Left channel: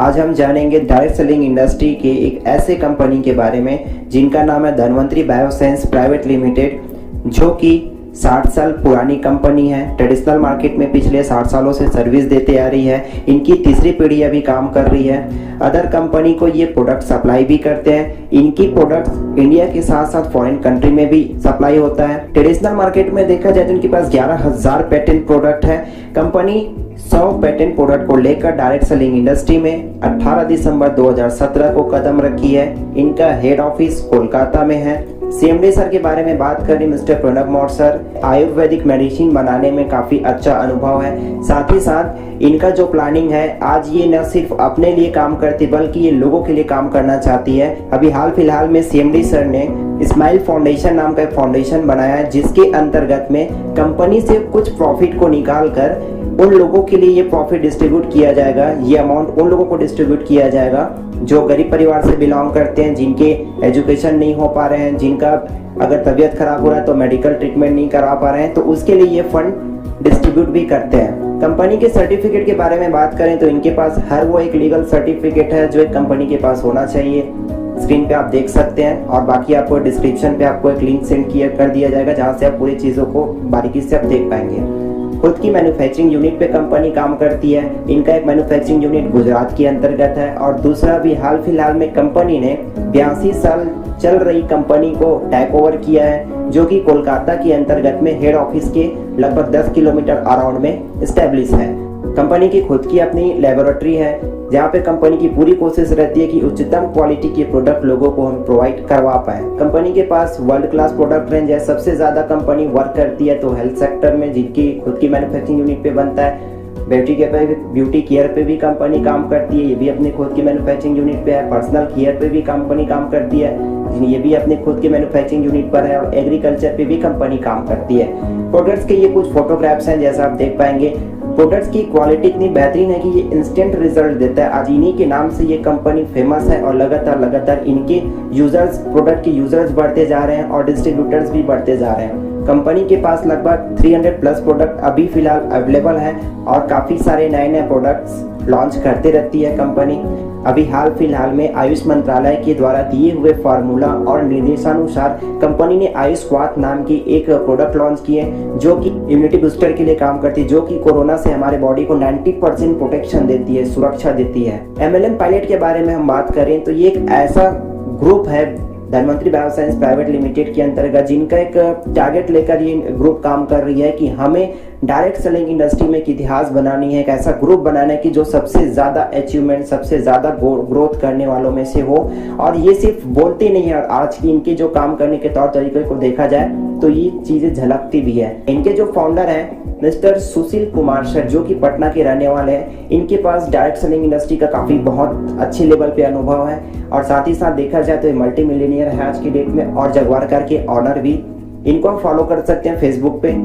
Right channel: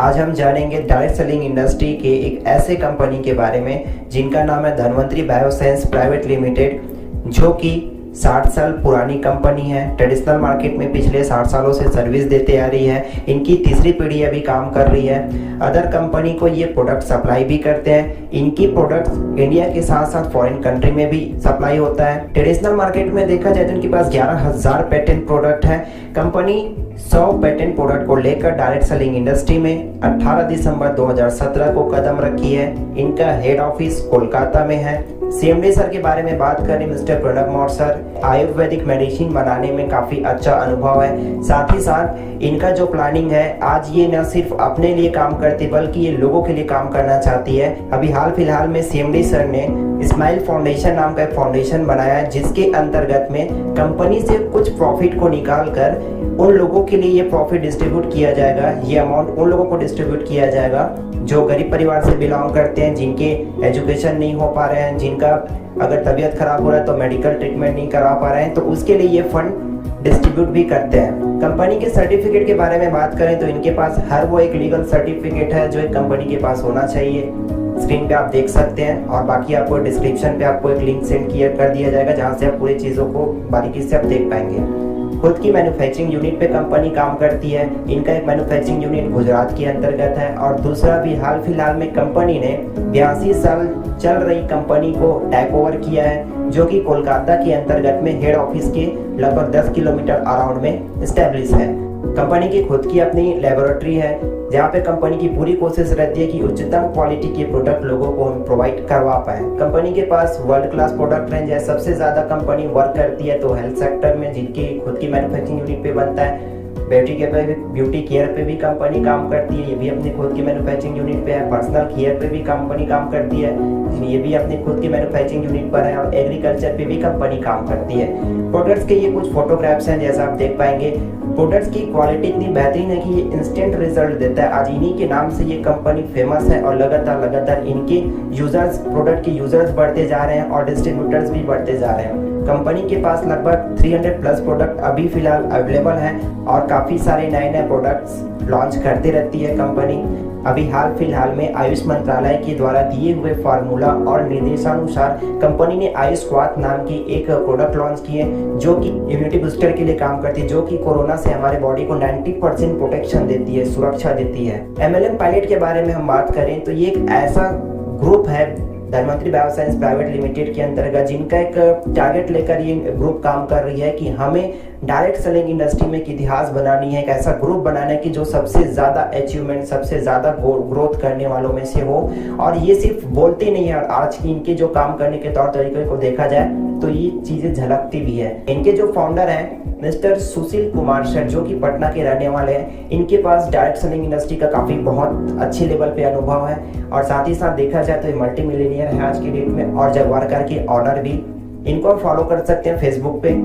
आज हम जानेंगे डायरेक्ट सेलिंग इंडस्ट्री के एक ऐसे कंपनी के बारे में जिनका नाम है धन्वंतरी बायोसाइंस प्राइवेट लिमिटेड, जो कि 60 साल पुरानी कंपनी है। ट्रेडिशनल मार्केट में पिछले 60 सालों से सर्विस देते आ रही है। इनकी तीसरी पीढ़ी अभी काम कर रही है। अदर कंपनी को ये प्रोडक्ट सप्लाई भी करते हैं। इनकी प्रोडक्ट्स इंडिया के साथ साथ फॉरेन कंट्री में भी सप्लाई होता है। ट्रेडिशनल मार्केट में देखा जाए तो इनके पास 11,000 पेटेंट प्रोडक्ट है। कंपनी 100 पेटेंट प्रोडक्ट को लेकर डायरेक्ट सेलिंग इंडस्ट्री में 18 दिसंबर 2017 को कदम रखी है। इनका हेड ऑफिस कोलकाता में है। सीएमडी सर के बारे में बात करें, mister Pranab Maurya sir Ayurvedic medicine बनाने में काफ़ी अच्छा अनुभव है। साथ ही साथ इनका जो प्लानिंग है, आज ये न सिर्फ अपने लिए काम करती बल्कि ये लोगों के लिए काम करना चाहती है। अभी हाल फिलहाल में सीएमडी सर ने स्माइल फाउंडेशन नाम का एक फाउंडेशन बनाया है, जिसके अंतर्गत में कंपनी से कुछ प्रॉफिट को निकाल कर उन लोगों के लिए ये प्रॉफिट डिस्ट्रीब्यूट किया जाएगा। ये अमाउंट उन लोगों को डिस्ट्रीब्यूट किया जाएगा जो गरीब परिवार से बिलोंग करते हैं, जिनके एजुकेशन नहीं हो पा रहे हैं, जिनका अगर तबीयत खराब हो रहा है तो मेडिकल ट्रीटमेंट नहीं करा पा रहे हैं, तो उसके लिए ये फंड डिस्ट्रीब्यूट भी करते हैं। कंपनी के सर्टिफिकेट के बारे में बात करें तो इनके पास हर वो एक लीगल सर्टिफिकेट है जो एक कंपनी के पास होना चाहिए। स्क्रीन पे आप देख सकते हैं और बाकी आपको डिस्क्रिप्शन पे आपको एक लिंक सेंड किया कर दिया जाएगा, जहां से आप पूरी चीज़ों को बारीकी से आप देख पाएंगे। खुद की मैन्युफैक्चरिंग यूनिट पे कंपनी काम करती है। इनका एक मैन्युफैक्चरिंग यूनिट गुजरात के अंतर्गत है और दूसरा भी हाल फिलहाल में कंपनी ने 82 साल चल रही कंपनी को टेक ओवर किया है, जो कि कोलकाता के अंतर्गत में हेड ऑफिस के लगभग 10 किलोमीटर अराउंड में स्टैब्लिश है। कंपनी की खुद की अपनी लेबोरेटरी है, जहाँ पे कंपनी की पूरी कोशिश रहती है कि उच्चतम क्वालिटी के प्रोडक्ट लोगों को हम प्रोवाइड करवा पाएं। कंपनी के पास वर्ल्ड क्लास प्रोडक्ट रेंज है। सबसे ज़्यादा कंपनी वर्क करती है तो हेल्थ सेक्टर में, जिनकी खुद की मैन्युफैक्चरिंग यूनिट पे बनता है। ब्यूटी केयर पे भी कंपनी काम करती है, ये भी अपनी खुद की मैन्युफैक्चरिंग यूनिट पे है। पर्सनल केयर पे भी कंपनी काम करती है, ये भी अपने खुद की मैन्युफैक्चरिंग यूनिट पर है। और एग्रीकल्चर पे भी कंपनी काम करती है। प्रोडक्ट्स के ये कुछ फोटोग्राफ्स हैं, जैसा आप देख पाएंगे। प्रोडक्ट्स की क्वालिटी इतनी बेहतरीन है कि ये इंस्टेंट रिजल्ट देता है। आज इन्हीं के नाम से ये कंपनी फेमस है और लगातार इनके यूजर्स, प्रोडक्ट के यूजर्स बढ़ते जा रहे हैं और डिस्ट्रीब्यूटर्स भी बढ़ते जा रहे हैं। कंपनी के पास लगभग 300 प्लस प्रोडक्ट अभी फिलहाल अवेलेबल हैं और काफ़ी सारे नए प्रोडक्ट्स लॉन्च करते रहती है कंपनी। अभी हाल फिलहाल में आयुष मंत्रालय के द्वारा दिए हुए फार्मूला और निर्देशानुसार कंपनी ने आयुष क्वाथ नाम की एक प्रोडक्ट लॉन्च की है, जो कि इम्यूनिटी बूस्टर के लिए काम करती है, जो कि कोरोना से हमारे बॉडी को 90% प्रोटेक्शन देती है, सुरक्षा देती है। MLM पायलट के बारे में हम बात करें तो ये एक ऐसा ग्रुप है धन्वंतरी बायोसाइंस प्राइवेट लिमिटेड के अंतर्गत, जिनका एक टारगेट लेकर ये ग्रुप काम कर रही है कि हमें डायरेक्ट सेलिंग इंडस्ट्री में एक इतिहास बनानी है, एक ऐसा ग्रुप बनाना है कि जो सबसे ज़्यादा अचीवमेंट, सबसे ज़्यादा ग्रोथ करने वालों में से हो। और ये सिर्फ बोलते नहीं है, और आज की इनके जो काम करने के तौर तरीके को देखा जाए तो ये चीज़ें झलकती भी है। इनके जो फाउंडर हैं मिस्टर सुशील कुमार सर, जो कि पटना के रहने वाले हैं, इनके पास डायरेक्ट सेलिंग इंडस्ट्री का काफ़ी बहुत अच्छे लेवल पे अनुभव है। और साथ ही साथ देखा जाए तो ये मल्टी मिलियनियर है आज की डेट में और जगवार कार के ऑनर भी। इनको आप फॉलो कर सकते हैं फेसबुक पे।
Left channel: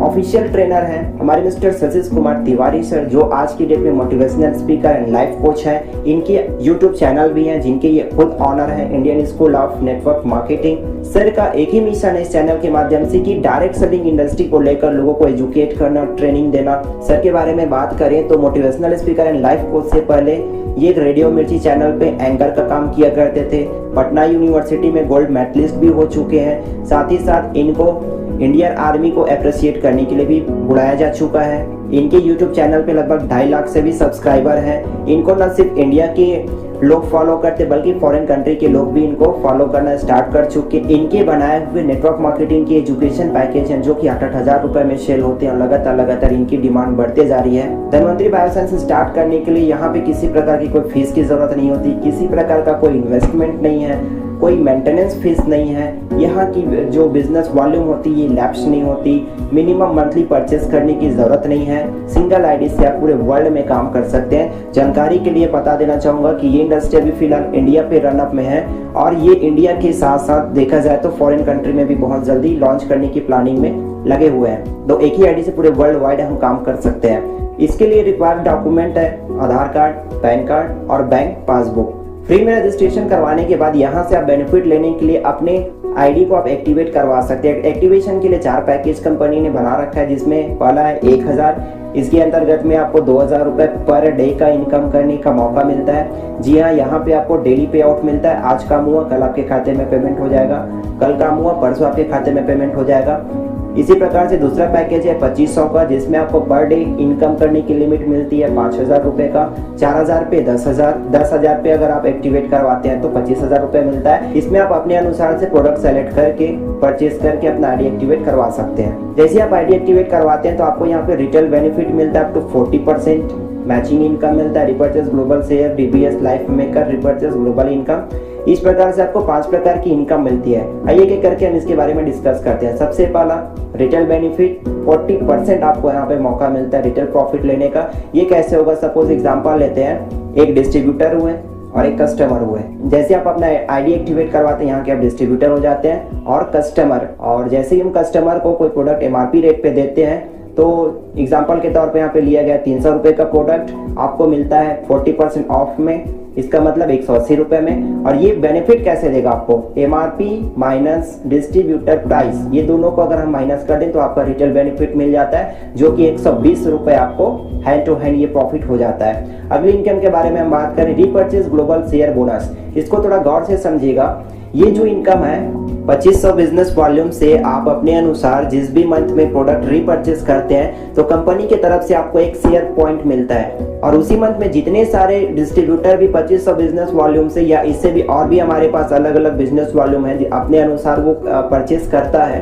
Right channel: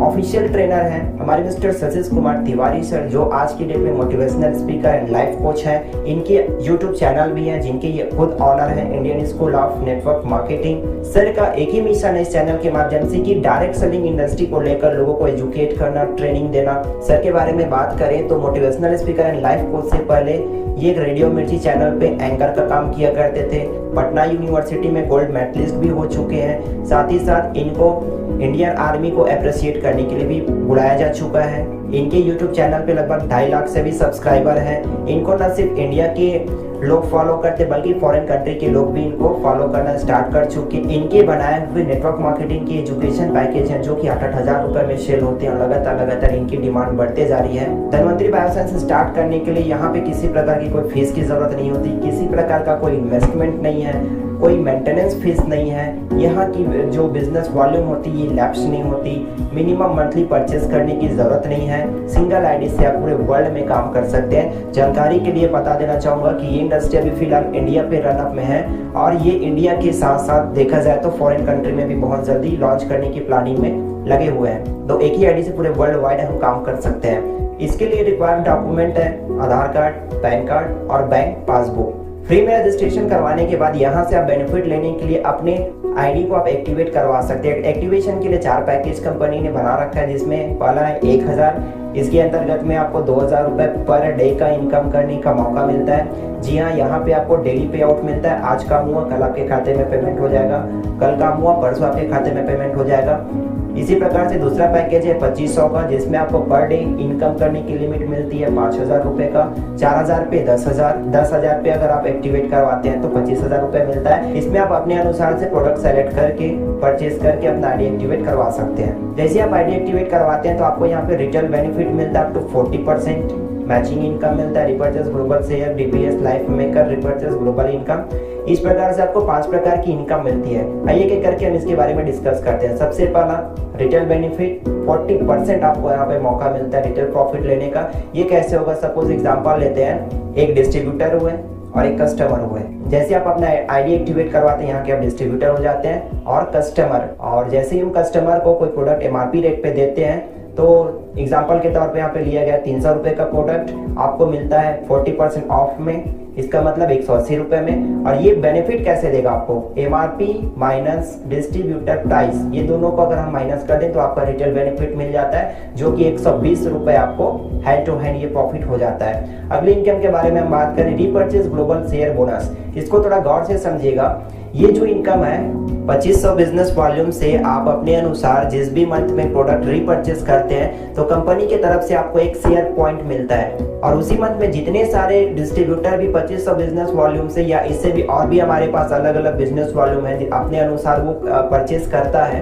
ऑफिशियल ट्रेनर हैं हमारे मिस्टर सतीश कुमार तिवारी सर, जो आज की डेट में motivational speaker and life coach हैं। इनके यूट्यूब चैनल भी हैं, जिनके ये खुद ऑनर हैं, Indian school of network marketing. Sir का एक ही मिशन है इस चैनल के माध्यम से कि डायरेक्ट सेलिंग इंडस्ट्री को लेकर लोगों को एजुकेट करना, ट्रेनिंग देना। सर के बारे में बात करें तो motivational speaker and life coach से पहले ये एक रेडियो मिर्ची चैनल पे एंकर का काम किया करते थे। पटना यूनिवर्सिटी में गोल्ड मेडलिस्ट भी हो चुके हैं। साथ ही साथ इनको इंडियन आर्मी को अप्रिशिएट करने के लिए भी बुलाया जा चुका है। इनके यूट्यूब चैनल पे लगभग 2.5 लाख से भी सब्सक्राइबर हैं। इनको न सिर्फ इंडिया के लोग फॉलो करते बल्कि फॉरेन कंट्री के लोग भी इनको फॉलो करना स्टार्ट कर चुके। इनके बनाए हुए नेटवर्क मार्केटिंग के एजुकेशन पैकेज हैं, जो कि 8,000 रुपए में सेल होते हैं और लगातार इनकी डिमांड बढ़ते जा रही है। धन्वंतरी बायोसाइंस स्टार्ट करने के लिए यहाँ पे किसी प्रकार की कोई फीस की जरूरत नहीं होती, किसी प्रकार का कोई इन्वेस्टमेंट नहीं है, कोई मेंटेनेंस फीस नहीं है। यहाँ की जो बिजनेस वॉल्यूम होती है ये लैप्स नहीं होती। मिनिमम मंथली परचेस करने की ज़रूरत नहीं है। सिंगल आईडी से आप पूरे वर्ल्ड में काम कर सकते हैं। जानकारी के लिए बता देना चाहूँगा कि ये इंडस्ट्री अभी फिलहाल इंडिया पे रनअप में है और ये इंडिया के साथ साथ देखा जाए तो फॉरेन कंट्री में भी बहुत जल्दी लॉन्च करने की प्लानिंग में लगे हुए हैं। तो एक ही आईडी से पूरे वर्ल्ड वाइड हम काम कर सकते हैं। इसके लिए रिक्वायर्ड डॉक्यूमेंट है आधार कार्ड, पैन कार्ड और बैंक पासबुक। फ्री में रजिस्ट्रेशन करवाने के बाद यहाँ से आप बेनिफिट लेने के लिए अपने आईडी को आप एक्टिवेट करवा सकते हैं। एक्टिवेशन के लिए 4 पैकेज कंपनी ने बना रखा है, जिसमें पहला है 1,000 इसके अंतर्गत में आपको 2,000 रुपये पर डे का इनकम करने का मौका मिलता है। जी हाँ, यहाँ पे आपको डेली पे आउट मिलता है। आज काम हुआ कल आपके खाते में पेमेंट हो जाएगा, कल काम हुआ परसों आपके खाते में पेमेंट हो जाएगा। इसी प्रकार से दूसरा पैकेज है 2500 का, जिसमें आपको पर डे इनकम करने की लिमिट मिलती है 5,000 रुपये का। 4,000 पे 10,000, 10,000 पे अगर आप एक्टिवेट करवाते हैं तो 25,000 रुपये मिलता है। इसमें आप अपने अनुसार से प्रोडक्ट सेलेक्ट करके परचेज करके अपना आईडी एक्टिवेट करवा सकते हैं। जैसे आप आईडी एक्टिवेट करवाते हैं तो आपको यहाँ पे रिटेल बेनिफिट मिलता है अप टू 40%, मैचिंग इनकम मिलता है, repurchase global share, DVS life maker, repurchase global income. इस प्रकार से आपको 5 प्रकार की इनकम मिलती है। आइए एक एक करके हम इसके बारे में डिस्कस करते हैं। सबसे पहला रिटेल बेनिफिट, 40% आपको यहाँ पे मौका मिलता है रिटेल प्रॉफिट लेने का। ये कैसे होगा? सपोज एग्जांपल लेते हैं, एक डिस्ट्रीब्यूटर हुए और एक कस्टमर हुए। जैसे आप अपना आईडी एक्टिवेट करवाते हैं, यहाँ के आप डिस्ट्रीब्यूटर हो जाते हैं और कस्टमर। और जैसे ही हम कस्टमर को कोई प्रोडक्ट एमआरपी रेट पे देते हैं तो एग्जाम्पल के तौर पे यहाँ पे लिया गया 300 रुपये का प्रोडक्ट आपको मिलता है 40% ऑफ में, इसका मतलब 180 रुपये में। और ये बेनिफिट कैसे देगा आपको? एमआरपी माइनस डिस्ट्रीब्यूटर प्राइस, ये दोनों को अगर हम माइनस कर दें तो आपका रिटेल बेनिफिट मिल जाता है, जो कि 120 रुपये आपको हैंड टू हैंड ये प्रॉफिट हो जाता है। अगली इनकम के बारे में हम बात करें, रीपर्चेज ग्लोबल शेयर बोनस। इसको थोड़ा गौर से समझिएगा। ये जो इनकम है 2500 बिजनेस वॉल्यूम से आप अपने अनुसार जिस भी मंथ में प्रोडक्ट रीपर्चेस करते हैं तो कंपनी की तरफ से आपको एक शेयर पॉइंट मिलता है। और उसी मंथ में जितने सारे डिस्ट्रीब्यूटर भी 2500 बिजनेस वॉल्यूम से या इससे भी और भी हमारे पास अलग अलग बिजनेस वॉल्यूम है अपने अनुसार वो परचेस करता है,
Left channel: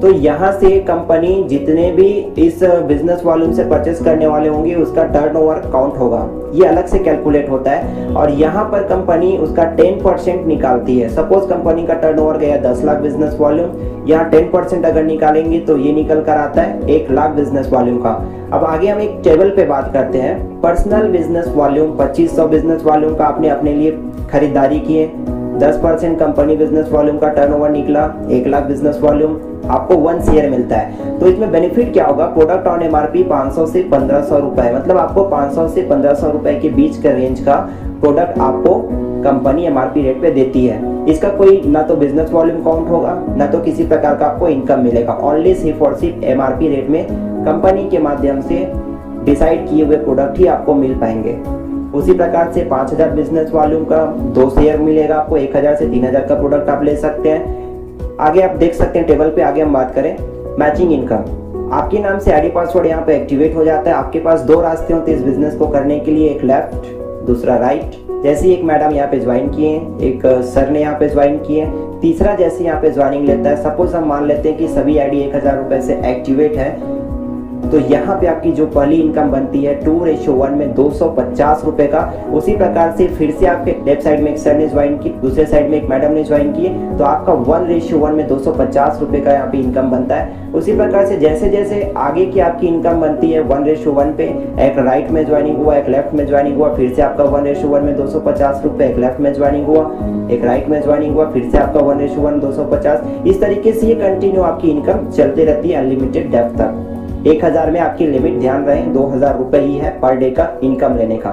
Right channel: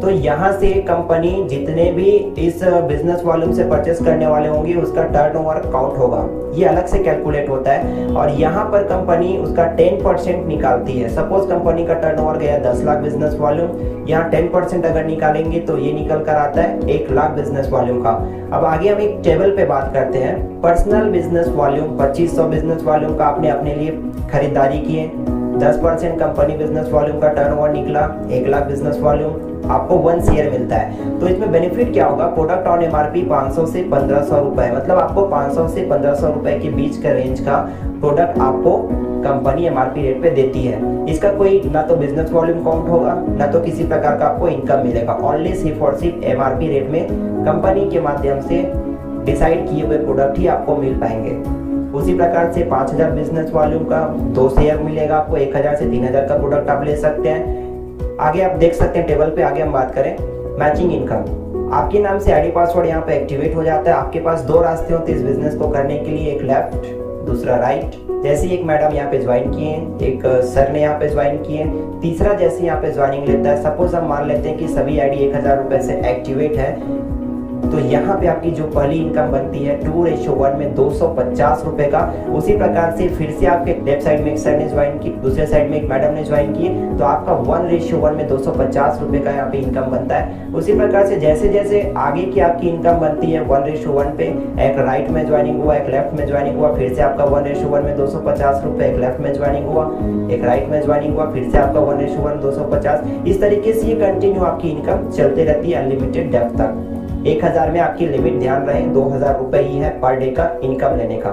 तो यहाँ से कंपनी जितने भी इस बिजनेस वॉल्यूम से परचेस करने वाले होंगे उसका टर्नओवर काउंट होगा। ये अलग से कैलकुलेट होता है और यहाँ पर कंपनी उसका 10% निकालती है। सपोज कंपनी का टर्नओवर गया 10 लाख बिजनेस वॉल्यूम, यहाँ 10% अगर निकालेंगे तो ये निकल कर आता है 1 लाख बिजनेस वॉल्यूम का। अब आगे हम एक टेबल पे बात करते हैं। Personal business volume 2500 business volume का आपने अपने लिए खरीदारी किए, 10% कंपनी बिजनेस वॉल्यूम का टर्नओवर निकला, 1 लाख बिजनेस वॉल्यूम, आपको 1 शेयर मिलता है। तो इसमें बेनिफिट क्या होगा? प्रोडक्ट ऑन एमआरपी 500 से 1500 रुपए, मतलब आपको 500 से 1500 रुपए के बीच का रेंज का प्रोडक्ट आपको कंपनी एमआरपी रेट पे देती है। इसका कोई ना तो बिजनेस वॉल्यूम काउंट होगा ना तो किसी प्रकार का आपको इनकम मिलेगा। ओनली सिर्फ और सिर्फ एमआरपी रेट में कंपनी के माध्यम से डिसाइड किए हुए प्रोडक्ट ही आपको मिल पाएंगे। उसी प्रकार से 5000 बिजनेस वॉल्यूम का 2 शेयर मिलेगा आपको, 1000 से 3000 का प्रोडक्ट आप ले सकते हैं। आगे आप देख सकते हैं टेबल पे, आगे हम बात करें मैचिंग इनकम। आपके नाम से आईडी पासवर्ड यहाँ पे एक्टिवेट हो जाता है। आपके पास 2 रास्ते होते हैं इस बिजनेस को करने के लिए, एक लेफ्ट दूसरा राइट। जैसे एक मैडम यहाँ पे ज्वाइन किए, एक सर ने यहाँ पे ज्वाइन किए, तीसरा जैसे यहाँ पे ज्वाइनिंग लेता है। सपोज हम मान लेते हैं कि सभी आईडी 1000 रुपए से एक्टिवेट है, तो यहाँ पे आपकी जो पहली इनकम बनती है 2:1 में 250 रुपए का। उसी प्रकार से फिर से आपके लेफ्ट साइड में एक सर ने ज्वाइन की, दूसरे साइड में एक मैडम ने ज्वाइन की, तो आपका 1:1 में 250 रुपए का यहाँ पे इनकम बनता है। उसी प्रकार से जैसे जैसे आगे की आपकी इनकम बनती है 1:1 पे, एक राइट में ज्वाइनिंग हुआ, एक लेफ्ट में ज्वाइनिंग हुआ, फिर से आपका 1:1 में 250 रुपए, एक लेफ्ट में ज्वाइनिंग हुआ, एक राइट में ज्वाइनिंग हुआ, फिर से आपका 1:1 250। इस तरीके से ये कंटिन्यू आपकी इनकम चलते रहती है अनलिमिटेड डेप्थ तक। 1000 में आपकी लिमिट ध्यान रहे 2000 रुपए ही है पर डे का इनकम लेने का।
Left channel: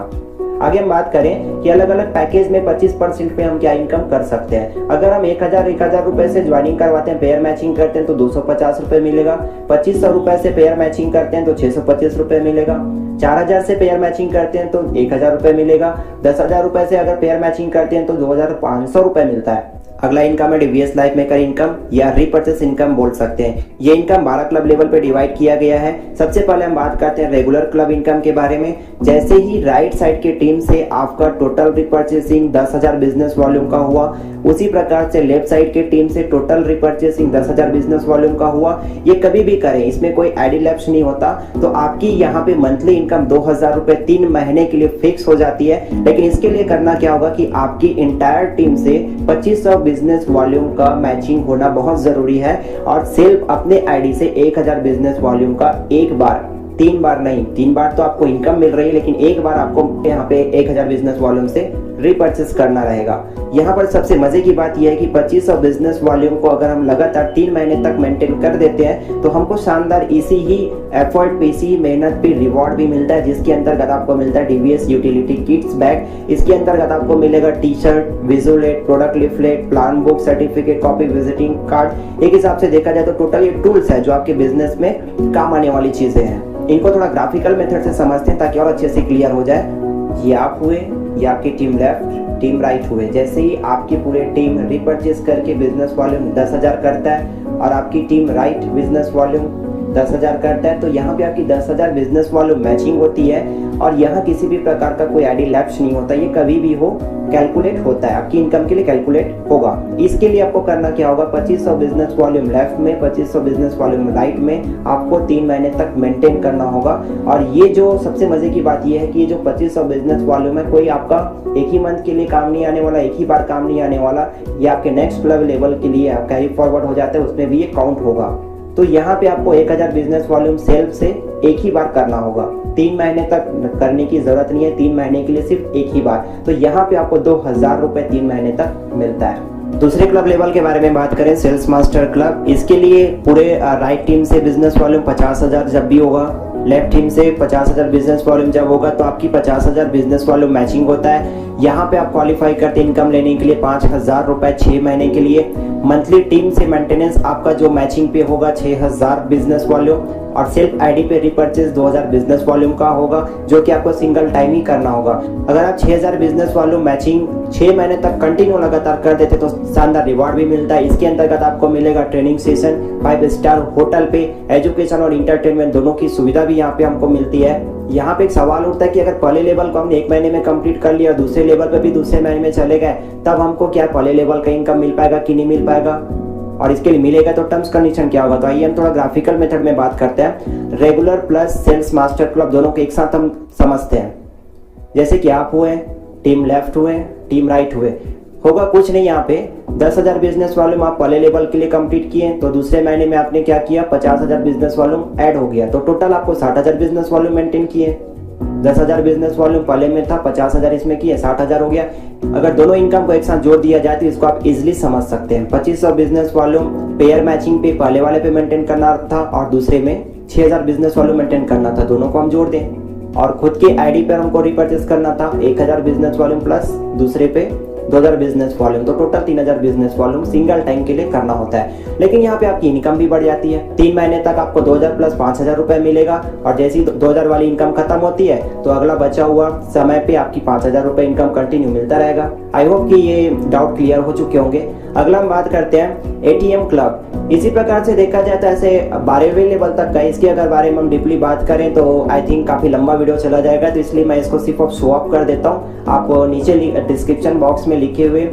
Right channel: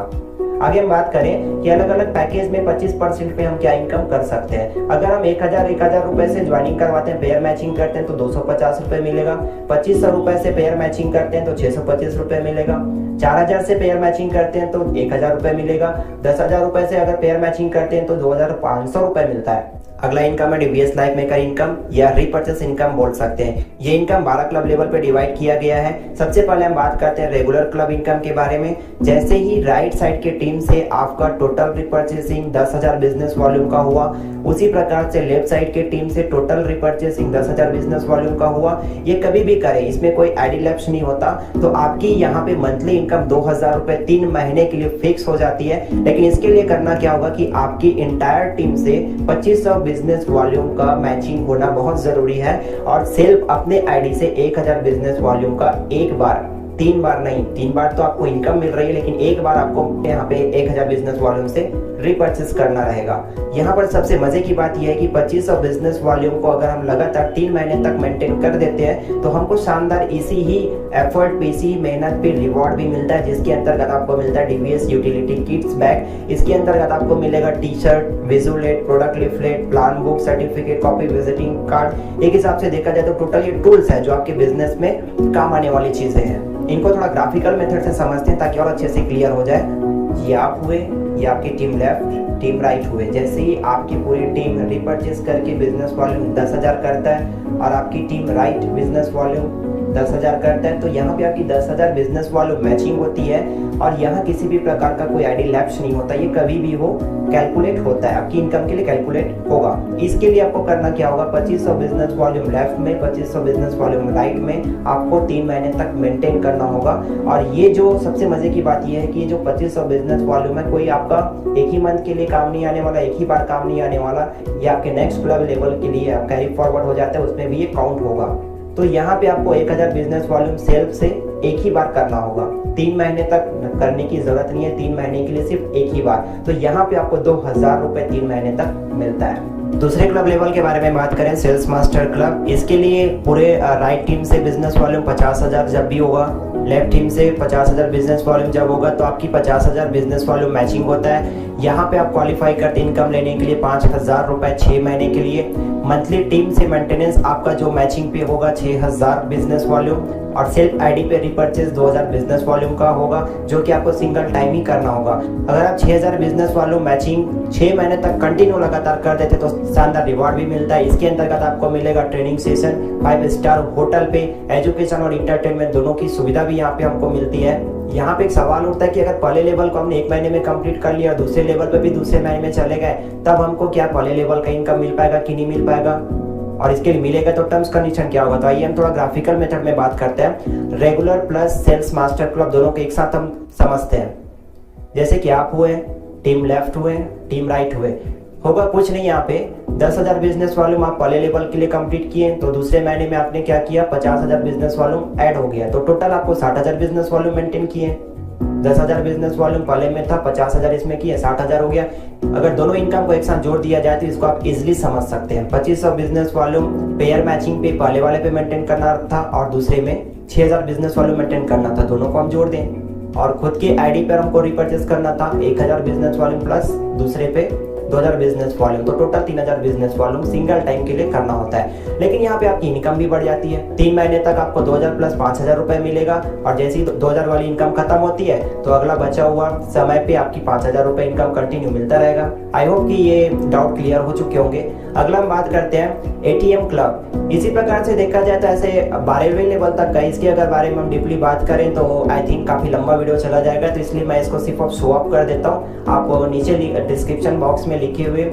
आगे हम बात करें कि अलग अलग पैकेज में 25% पे हम क्या इनकम कर सकते हैं। अगर हम 1000 रुपए से ज्वाइनिंग करवाते हैं, पेयर मैचिंग करते हैं तो 250 रुपए मिलेगा। 2500 रुपए से पेयर मैचिंग करते हैं तो 625 रुपए मिलेगा। 4000 से पेयर मैचिंग करते हैं तो 1000 रुपए मिलेगा। 10,000 रुपए से अगर पेयर मैचिंग करते हैं तो 2500 रुपए मिलता है। अगला इनकम है डीवीएस लाइफ मेकर इनकम या रीपर्चेस इनकम बोल सकते हैं। ये इनकम 12 क्लब लेवल पे डिवाइड किया गया है। सबसे पहले हम बात करते हैं रेगुलर क्लब इनकम के बारे में। जैसे ही राइट साइड की टीम से आपका टोटल रीपर्चेसिंग 10,000 बिजनेस वॉल्यूम का हुआ, उसी प्रकार से लेफ्ट साइड की टीम से टोटल रीपर्चेसिंग 10,000 बिजनेस वॉल्यूम का हुआ। ये कभी भी करें, इसमें कोई आईडी लैप्स नहीं होता। तो आपकी यहाँ पे मंथली इनकम 2000 रुपए 3 महीने के लिए फिक्स हो जाती है। लेकिन इसके लिए करना क्या होगा कि आपकी इंटायर टीम से 2500 बिजनेस वॉल्यूम का मैचिंग होना बहुत जरूरी है और सेल्फ अपने आईडी से 1000 बिजनेस वॉल्यूम का एक बार, 3 बार नहीं, 3 बार तो आपको इनकम मिल रही है लेकिन एक बार आपको यहाँ पे 1000 बिजनेस वॉल्यूम से रीपर्चेस करना रहेगा। यहाँ पर सबसे मजे की बात यह है कि 2500 बिजनेस वॉल्यूम को अगर हम लगातार 3 महीने तक मेंटेन कर देते हैं तो हमको शानदार इसी ही एफर्ट पे, इसी मेहनत पे रिवॉर्ड भी मिलता है, जिसके अंतर्गत आपको मिलता है डीवीएस यूटिलिटी किट्स बैग। इसके अंतर्गत आपको मिलेगा टी शर्ट, विजुलेट, product leaflet, plan book, certificate copy, visiting card. एक हिसाब से देखा जाए तो टोटल ये टूल्स है जो आपके बिजनेस में काम आने वाली चीजें हैं। इनको थोड़ा ग्राफिकल मेथड से समझते हैं ताकि और अच्छे से क्लियर हो जाए। ये आप हुए, ये आपकी टीम लेफ्ट, टीम राइट हुए। जैसे ही आपकी पूरी टीम रीपर्चेस करके बिजनेस वॉल्यूम 10,000 करता है और आपकी टीम राइट बिजनेस वॉल्यूम 10,000 करता है, तो यहाँ पे आपकी 10,000 बिजनेस वॉल्यूम मैचिंग होती है और यहाँ किसी भी प्रकार का कोई आईडी लैप्स नहीं होता। ये कभी भी हो कैलकुलेट होता है, आपकी इनकम के लिए कैलकुलेट होगा। इसके लिए आपको करना क्या होगा, 2500 बिजनेस वॉल्यूम लेफ्ट में, 2500 बिजनेस वॉल्यूम राइट में आपको 3 महीने तक मेंटेन करना होगा। और ये जो सबसे मजे की बात ये है कि ये जो 2500 बिजनेस वॉल्यूम है, कोई आपका एक ही मंथ के लिए काम नहीं आने वाला, एक ही बार काम नहीं आने वाला। ये आपके नेक्स्ट क्लब लेवल के लिए आप कैरी फॉरवर्ड हो जाता है, उसमें भी ये काउंट होगा। तो यहाँ पे आपको 1000 बिजनेस वॉल्यूम सेल्फ से एक ही बार करना होगा, 3 महीने तक करने की जरूरत नहीं है, 3 महीने के लिए सिर्फ एक ही बार। तो यहाँ पे आपको 2000 रुपए 3 महीने तक मिलता है। दूसरे क्लब लेवल के बारे में बात करें, सेल्स मास्टर क्लब, इसके लिए पूरे राइट टीम से बिजनेस वॉल्यूम 50,000 जब भी होगा, लेफ्ट टीम से 50,000 बिजनेस वॉल्यूम जब होगा, तो आपकी 50,000 बिजनेस वॉल्यूम मैचिंग होता है। यहाँ पे आप क्वालिफाई करते इनकम लेने के लिए 5,000 रुपए 6 महीने के लिए। मंथली टीम से मेंटेनेंस आपका जो मैचिंग पे होगा 6,000 बिजनेस वॉल्यूम, और सेल्फ आईडी पे रिपर्चेस 2000 बिजनेस वॉल्यूम का होगा, जो कि आपको सिंगल टाइम ही करना होगा। अगर आप 6000 बिजनेस वॉल्यूम मैचिंग 6 महीने तक कंटिन्यू लगातार कर देते तो शानदार रिवार्ड भी मिलता है। इसके अंतर्गत आपको मिलेगा ट्रेनिंग सेशन, 5 स्टार होटल पे, एजुकेशन और इंटरटेनमेंट दोनों की सुविधा भी यहाँ पे हमको मिलती है। यहाँ पे एक सवाल उठता है कि अगर पहले लेवल को हमने 1 महीने में कंप्लीट कर लिया और दूसरे लेवल पे भी दूसरे महीने में चले गए, तब हमको क्या पहले लेवल का इनकम मिल पाएगा कि नहीं मिल पाएगा, और इसके लिए मिलेगा तो टर्म्स कंडीशन क्या होगा। तो आइए हम थोड़ा ग्राफिकल मेथड में बात करते हैं। Regular plus sales master club दोनों को एक साथ हम समझते हैं। जैसे कि आप हुए, टीम लेफ्ट हुए, टीम राइट हुए, होगा कुछ नहीं। यहाँ पे 10,000 बिजनेस वॉल्यूम आप पहले लेवल के लिए कंप्लीट किए, तो दूसरे महीने में आपने क्या किया, 50,000 बिजनेस वॉल्यूम ऐड हो गया, तो टोटल आपको 60,000 बिजनेस वॉल्यूम मेंटेन किए। 10,000 बिजनेस वॉल्यूम पहले में था, 50,000 इसमें किए, 60,000 हो गया। अगर दोनों इनकम को एक साथ जोड़ दिया जाए तो इसको आप इजिली समझ सकते हैं। 2500 बिजनेस वॉल्यूम पेयर मैचिंग पे पहले वाले पे मेंटेन करना था और दूसरे में 6,000 बिजनेस वॉल्यूम मेंटेन करना था, दोनों को हम जोड़ दें। और खुद के आईडी पर हमको रिपर्चेस करना था 1000 बिजनेस वॉल्यूम प्लस दूसरे पे 2000 बिजनेस वॉल्यूम, तो total 3000 business volume single time के लिए करना होता है। लेकिन यहाँ पे आपकी इनकम भी बढ़ जाती है। 3 महीने तक आपको 2000 प्लस 5000 रुपए मिलेगा, और जैसे ही 2000 वाली इनकम खत्म होती है तो अगला बचा हुआ समय पे आपकी 5000 रुपए इनकम कंटिन्यू मिलता रहेगा। आई होप कि ये डाउट क्लियर हो चुके होंगे। अगला हम बात करते हैं एटीएम क्लब। इसी प्रकार से देखा जाए तो ऐसे 12वें लेवल तक का, इसके अगर बारे में हम डीपली बात करें तो आई थिंक काफी लंबा वीडियो चला जाएगा, तो इसलिए मैं इसको सिर्फ शो अप कर देता हूँ। आप नीचे डिस्क्रिप्शन बॉक्स में लिखे हुए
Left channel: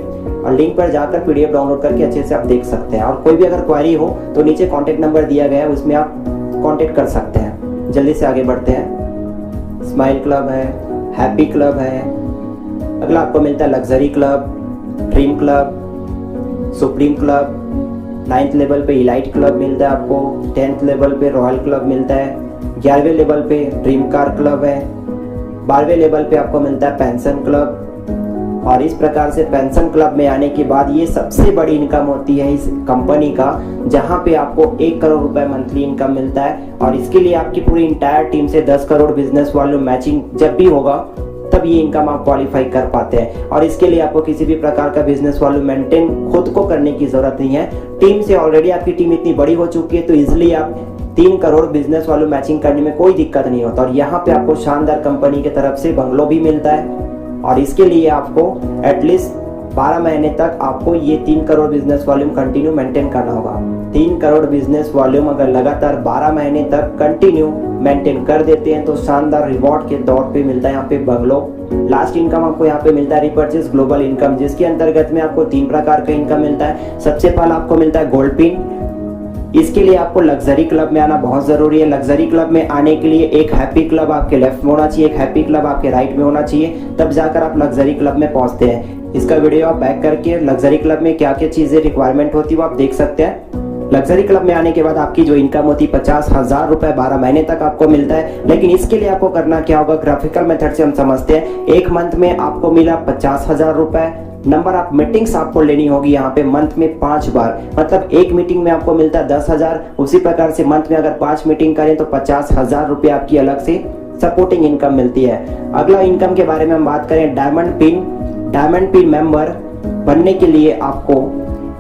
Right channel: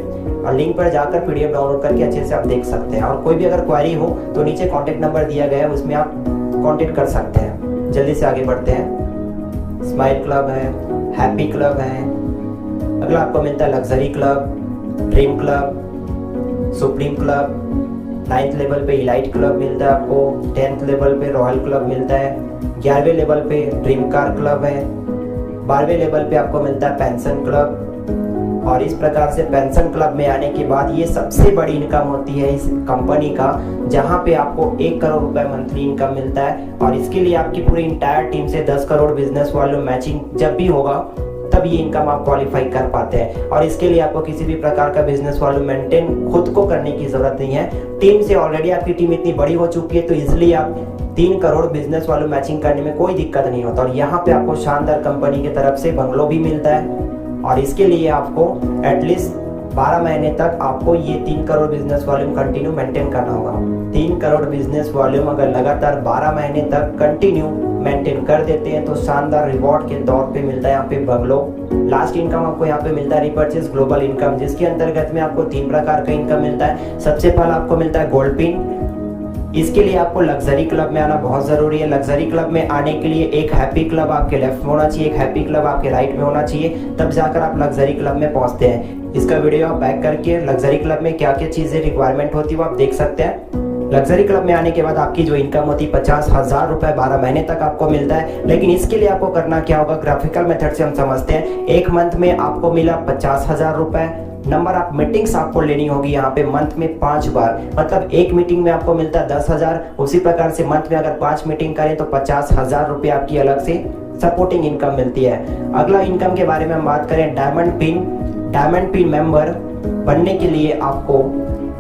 लिंक पर जाकर पीडीएफ डाउनलोड करके अच्छे से आप देख सकते हैं। और कोई भी अगर क्वेरी हो तो नीचे कॉन्टेक्ट नंबर दिया गया है, उसमें आप कॉन्टेक्ट कर सकते हैं। जल्दी से आगे बढ़ते हैं। स्माइल क्लब है, हैप्पी क्लब है। अगला आपको मिलता है luxury club, dream club, supreme club. 9th level पे इलाइट क्लब मिलता है आपको, 10th लेवल पे रॉयल क्लब मिलता है, 11वें लेवल पे ड्रीम कार क्लब है, 12वें लेवल पे आपको मिलता है पेंशन क्लब। और इस प्रकार से पेंशन क्लब में आने के बाद ये सबसे बड़ी इनकम होती है इस कंपनी का, जहां पे आपको 1 करोड़ रुपए मंथली इनकम मिलता है। और इसके लिए आपकी पूरी इंटायर टीम से 10 करोड़ बिजनेस वॉल्यूम मैचिंग जब भी होगा तब ये इनकम आप क्वालिफाई कर पाते हैं। और इसके लिए आपको किसी भी प्रकार का बिजनेस वॉल्यूम मेंटेन खुद को करने की जरूरत नहीं है। टीम से ऑलरेडी आपकी टीम इतनी बड़ी हो चुकी है, तो इजिली आप 3 करोड़ बिजनेस वॉल्यूम मैचिंग करने में कोई दिक्कत नहीं होता। और यहाँ पे आपको शानदार कंपनी की तरफ से बंगलो भी मिलता है, और इसके लिए आपको एटलीस्ट 12 महीने तक आपको ये 3 crore business volume continue maintain करना होगा। 3 करोड़ बिजनेस वॉल्यूम अगर लगातार 12 महीने तक कंटिन्यू मेंटेन कर देते हैं तो शानदार रिवॉर्ड के दौर पे मिलता है यहाँ पे बंगलो। लास्ट इनकम आपको यहाँ पे मिलता है रिपर्चेस ग्लोबल इनकम, जिसके अंतर्गत में आपको 3 प्रकार का इनकम मिलता है। सबसे पहला आपको मिलता है गोल्ड पिन। इसके लिए आपको लग्जरी क्लब में आना बहुत जरूरी है। लग्जरी क्लब में आने के लिए एक हैप्पी क्लब आपके लेफ्ट में होना चाहिए, एक हैप्पी क्लब आपके राइट में होना चाहिए, तब जाकर आप लग्जरी क्लब में पहुंचते हैं। इसका वीडियो आप बैक करके लग्जरी क्लब में क्या क्या चीजें रिक्वायरमेंट होती है वो आप देख सकते हैं। लग्जरी क्लब में आने के बाद आपकी जो इनकम होती है 50,000 रुपए 12 महीने तक आपको मिलता है। लेकिन इसके लिए आपको करना क्या होगा, ग्राफिकल मेथड से हम समझते हैं। 1 मंथ में आपको मिला 50,000 रुपए। नंबर ऑफ मीटिंग्स आपको लेनी होगी यहाँ पे मंथ में 5 बार, मतलब एक मीटिंग में आपको मिलता है 10,000। उसी प्रकार से मंथ में अगर 5 मीटिंग करें तो 50,000 रुपए आपकी अलग से सपोर्टिंग इनकम मिलती है। अगला इनकम के बारे में हम बात करें diamond pin. Diamond pin member बनने के लिए आपको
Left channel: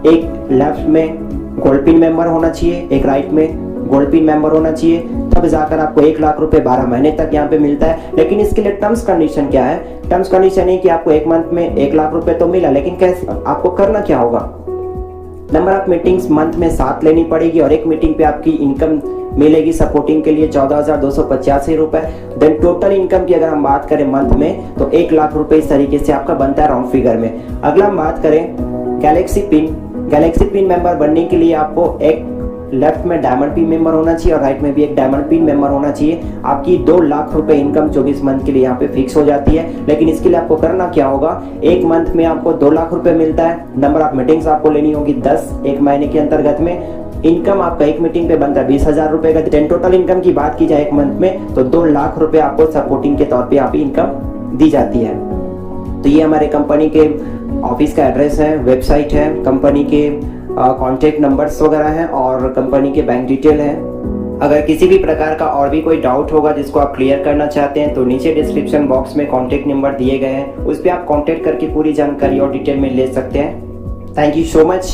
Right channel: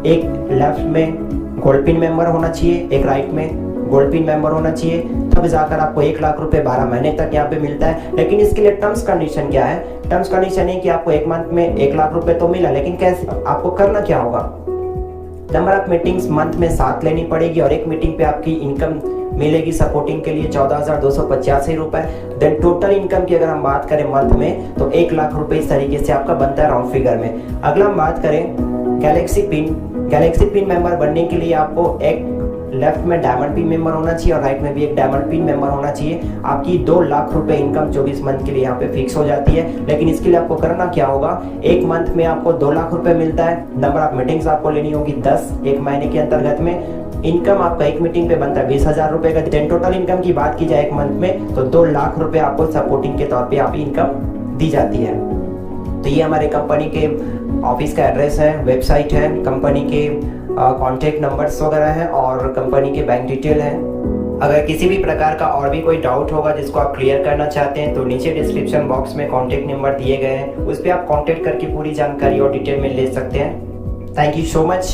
एक लेफ्ट में गोल्ड पिन मेंबर होना चाहिए, एक राइट में गोल्ड पिन मेंबर होना चाहिए, तब जाकर आपको 1 लाख रुपए 12 महीने तक यहाँ पे मिलता है। लेकिन इसके लिए टर्म्स कंडीशन क्या है? टर्म्स कंडीशन है कि आपको 1 मंथ में 1 लाख रुपए तो मिला, लेकिन कैसे आपको करना क्या होगा? नंबर ऑफ मीटिंग्स मंथ में 7 लेनी पड़ेगी और एक मीटिंग पे आपकी इनकम मिलेगी सपोर्टिंग के लिए 14,285 रुपए। देन टोटल इनकम की अगर हम बात करें मंथ में तो 1 लाख रुपए इस तरीके से आपका बनता है राउंड फिगर में। अगला हम बात करें गैलेक्सी पिन मेंबर बनने के लिए आपको एक लेफ्ट में डायमंड पिन मेंबर होना चाहिए और राइट में भी एक डायमंड पिन मेंबर होना चाहिए। आपकी 2 लाख रुपए इनकम 24 मंथ के लिए यहाँ पे फिक्स हो जाती है। लेकिन इसके लिए आपको करना क्या होगा? एक मंथ में आपको 2 लाख रुपए मिलता है। नंबर ऑफ मीटिंग्स आपको लेनी होगी 10 एक महीने के अंतर्गत में। इनकम आपका एक मीटिंग पे बनता है 20,000 रुपए का। देन टोटल इनकम की बात की जाए एक मंथ में तो 2 लाख रुपए आपको सपोर्टिंग के तौर पे यहाँ पे इनकम दी जाती है। तो ये हमारे कंपनी के ऑफिस का एड्रेस है, वेबसाइट है, कंपनी के कॉन्टेक्ट नंबर्स वगैरह हैं और कंपनी के बैंक डिटेल हैं। अगर किसी भी प्रकार का और भी कोई डाउट होगा जिसको आप क्लियर करना चाहते हैं तो नीचे डिस्क्रिप्शन बॉक्स में कॉन्टेक्ट नंबर दिए गए हैं, उस पर आप कॉन्टेक्ट करके पूरी जानकारी और डिटेल में ले सकते हैं। Thank you so much.